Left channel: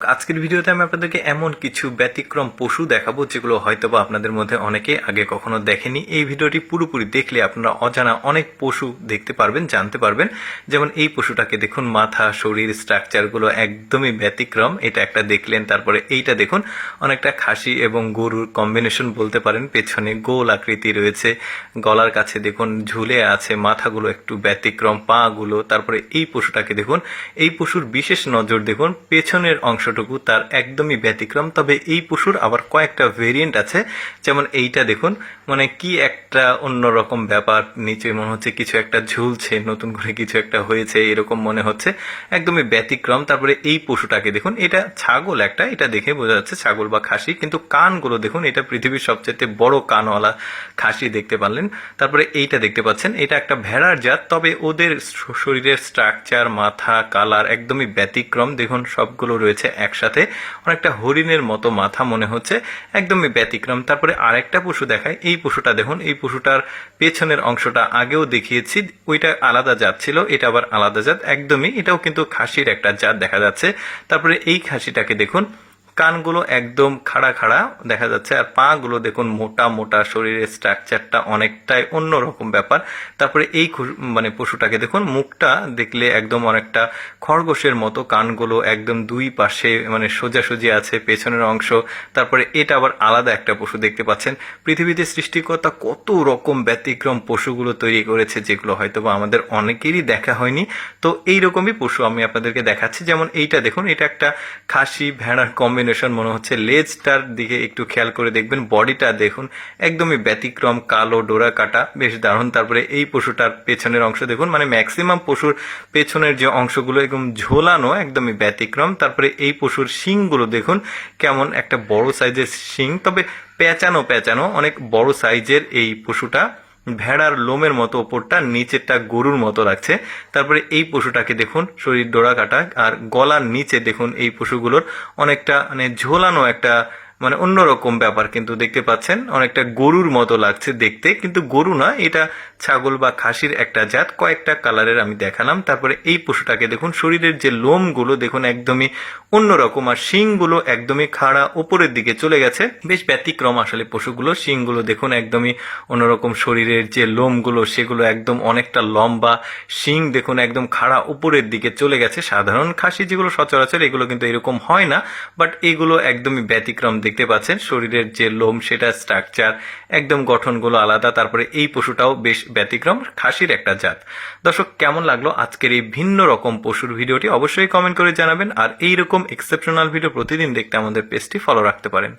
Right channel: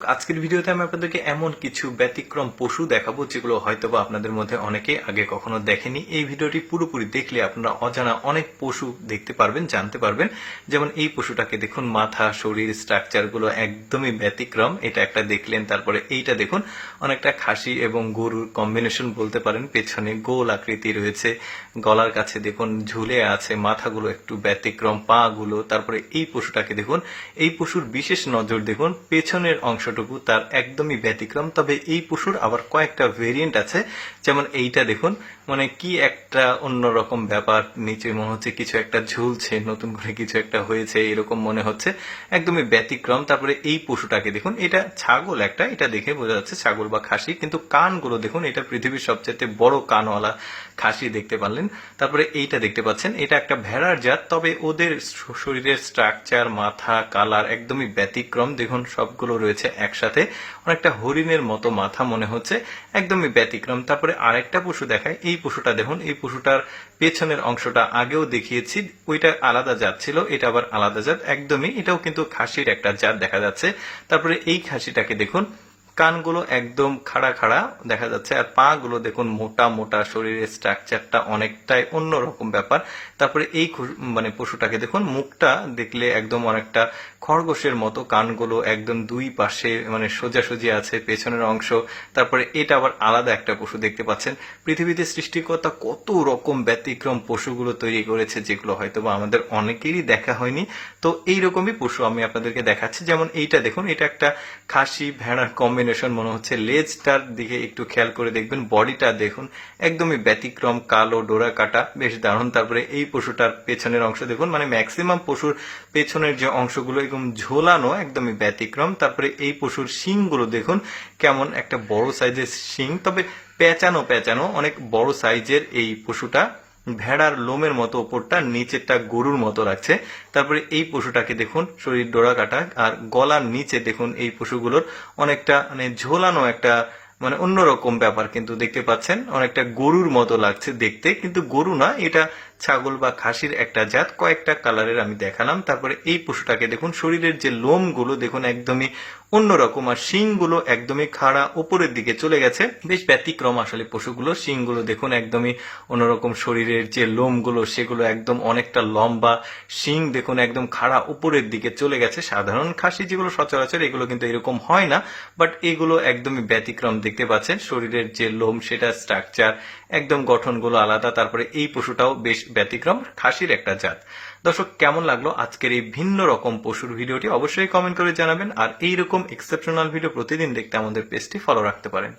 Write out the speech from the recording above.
আজকের ভিডিওতে আমি আপনাদেরকে এমন কিছু ব্যতিক্রম পশু দেখাবো যেগুলো হয়তোবা আপনাদের মধ্যে অনেকে আগে কখনো দেখেনি। এই ভিডিওটি পুরোপুরি দেখলে আপনারা অজানা অনেক পশু দেখতে পারবেন, জানতে পারবেন। যেমন এই পশুটাকে দেখুন, মাথা, শরীর, স্ট্রাকচারগুলো একদমই ব্যতিক্রম। এটা একটা দেখলেন। তারপরে এইটা দেখুন, অনেকটা খাসি এবং গরুর কম্বিনেশন বলতে পারেন। পেছনে গোল আকৃতি রয়েছে, গলার কাছে দেখুন ঝুলে আছে, মাথাগুলো একটু ব্যতিক্রম, পা গুলো। তারপরে এই পশুটাকে দেখুন, এই পশুর বিশেষ নজর দেখুন, পেছনের অংশটুকু তার একদমই ব্যতিক্রম। তবে এই পশুর আবার কয়েকটা ভেরিয়েন্ট আছে। যেমন এইটা দেখুন, মানে কি একটা অন্যরকম ব্যাপার, নিচে মনে হচ্ছে কিছু একটা ঝুলছে, নতুন করে কিছু একটা হয়েছে এরকম মনে হচ্ছে, একদমই ব্যতিক্রম। তারপরে এই পশুটাকে দেখুন, এটা ছাগল একটা, এটা দেখে বোঝা যাচ্ছে ছাগল বা খাসি, কিন্তু কানগুলো দেখুন, এটা পৃথিবীর সবচেয়ে বড় কানওয়ালা খাসি দেখতে পারলেন। তারপরে এইটা দেখতে পাচ্ছেন, এটা একটা ভেড়ার জাত, তবে ওদের শরীরের স্ট্রাকচার, মাথা, কালার একদমই ব্যতিক্রম। দেখুন সবগুলো রয়েছে একসাথে, অনেকটা হরিণের মতো মাথা মনে হচ্ছে, একদমই ব্যতিক্রম। তারপরে আরেকটা পশু দেখায়, এই পশুটা দেখুন, এই পশুটার পেছনের অংশটা আগেও দেখিয়েছি, ওইটা আলাদা জাত ছিল, এটা আবার আলাদা জাত একদমই, এটাও কিন্তু খাসির একটা জাত দেখা যাচ্ছে। তারপরে এই খাসিটাকে দেখুন, কানগুলো একদম খাড়া খাড়া দেখা যাচ্ছে, আর পা গুলো দেখুন মোটা মোটা, শরীরের স্ট্রাকচারটা অনেকটাই অন্যরকম ব্যাপার। তারপরে এই মানে পশুটাকে দেখুন, মুখটা দেখলে একদম অনেকটা খরগোশের মতো, কানগুলো একদম দুই পাশে মানে সোজাসুজি আছে, পেছনের অংশ। তারপরে এটা আবার আলাদা একটা পশু দেখতে পাচ্ছেন। পৃথিবীতে সৃষ্টিকর্তা কত রকম ব্যতিক্রম পশুগুলো তৈরি করেছে, যেগুলো হয়তোবা আমাদের অনেকেরই দেখা হয়নি। তো এইরকমই পশু আমি আপনাদেরকে দেখাচ্ছি। যেমন এইটা দেখুন, এটা একটা খাসি ভেড়ার কম্বিনেশন মনে হচ্ছে। লেজটার দিকে একটু খেয়াল করে দেখবেন, বডিটা দেখুন একদমই ব্যতিক্রম, কালো ডোরা কাটা, বেশ দারুণ। তারপরে এই পশুটার পেছনের অংশ দেখুন, মানে ম্যাক্সিমাম পশুর পেছনের যে অংশগুলো একদম ঝোলানো, একদমই ব্যতিক্রম। তারপরে এই পশুর শিংগুলো দেখুন, কেমন একটা বড় সাইজের শিং, তবে পেঁচানো পেঁচানো, অনেক বড় সাইজের এই পশুটা। ভেড়ার লোমের মতো ওপরটা, নিচেরটা গরুর মতো লাগছে। তারপরে এই পশুটাকে দেখুন, শরীর ডোরা কাটা, আর গলার নিচে দেখুন এই পশুগুলোর অনেকটা মানে ঝোলানো একটা, মানে অন্যরকম ব্যাপার কিন্তু দেখতে পাচ্ছেন, অনেকটা গরুর মতো লাগছে দেখতে, কিন্তু গরু না, এটা ছাগল বা খাসির একটা জাত। কয়েকটা কালারের আমি দেখালাম। তারপরে এই পশুটাকে দেখুন, শরীরের যে লোমগুলো দেখুন একদমই অন্যরকম, আর শিংগুলো একদমই খাড়া উপরের দিকে চলে গেছে, বেশ ব্যতিক্রম আসলে পশুগুলো। শিংগুলো দেখুন একদমই অন্যরকম, শরীরের যে লোমগুলো সেগুলো একদম অনেকটা লম্বা, শিং দেখুন একদম খাড়া উপরের দিকে চলে গেছে। সাধারণ খাসি যেগুলো সচরাচর, এগুলো কিন্তু এরকম হয় না, বাট এগুলো একদমই ব্যতিক্রম দেখতে পাচ্ছেন। শরীরের যে লোম, সেটা স্ট্রাকচার একদম, গঠনগুলো আলাদা। তারপরে এই পশুটাও বেশ ব্যতিক্রম, খাসির একটা জাত। দর্শক, কেমন লাগলো আজকের এই ভিন্ন রকম পশুর ভিডিওটি অবশ্যই কমেন্ট করে জানাবেন। আর এইরকম এক্সেপশনাল ভিডিও প্রতিদিন দেখতে আমাদের পেজটি ফলো রাখতে পারেন।